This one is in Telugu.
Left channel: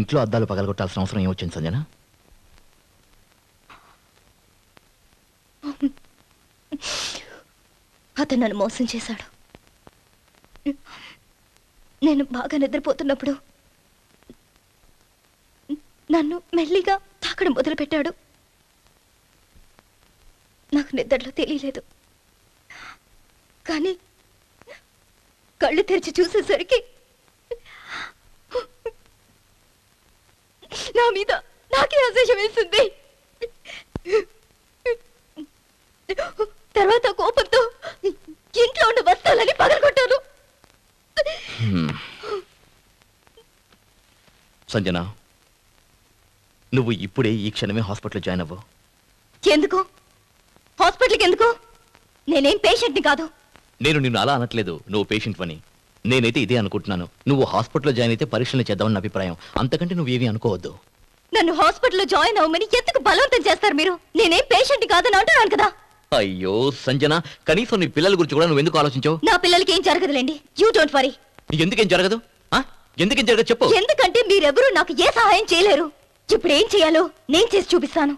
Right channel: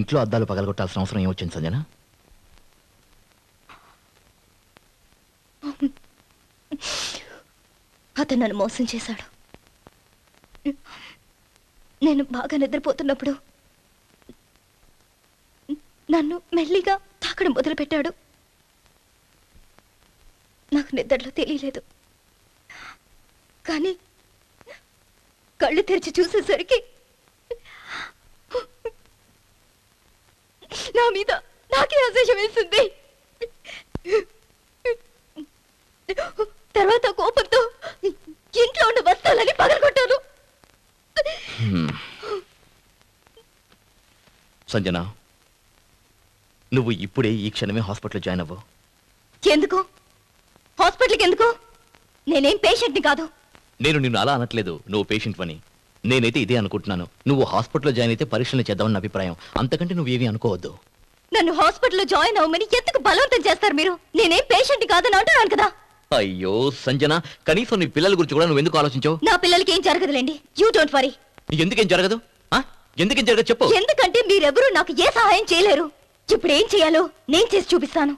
ఇంట్లో అద్దాలు పగలగొట్టాల్సిన అవసరం ఏమొచ్చింది సంజన? అతను నన్ను మోసం చేశాడు. నేను బాగా నిద్రపోతున్నప్పుడు నన్ను మెల్లిగా తాకడం మొదలుపెట్టాడు. నాకు నిద్రలో తెలియలేదు. కానీ కళ్ళు తెరిచి చూసేసరికి నా మీద నాకే అసహ్యం వేసింది. తర్వాత కోపంతో ఇంట్లో ఉన్న వస్తువులని పగలగొట్టాను. సంజన, నువ్వు ఇప్పుడే ఈ క్షణమే హాస్పిటల్ జాయిన్ అవ్వు. ఎందుకు? హాస్పిటల్కి ఎందుకు? నేనేం పేషెంట్ని కాదు. నేను నిన్ను అలా అనట్లేదు, నువ్వు పేషెంట్ అని. నేనైతే ఇదే అనుకుంటున్నాను. నువ్వు హాస్పిటల్లో జాయిన్ అయితే పరీక్షలు చేద్దామని అభిప్రాయం. అంతకంటే నువ్వు ఏమీ అనుకోవద్దు. నన్ను హాస్పిటల్లో జాయిన్ అవ్వమని ఎందుకు బలవంతం చేస్తారు మీరు? నేనేం పేషెంట్ కాదని అంటున్నాను కదా. అయ్యో సంజన, కనీసం నీ పిల్లల గురించి కూడా నువ్వు ఎందుకు ఆలోచించావు? నా పిల్లలకి ఏం జరగదులేండి. You don't worry. ఎందుకేం జరగదు? ఎందుకేం జరగదు చెప్పు. ఎందుకంటే మీరెవరూ నాకు ఏ సహాయం చేయలేరు. ఇప్పుడు ఏం చేయాలో నేను చేసి చూపిస్తాను.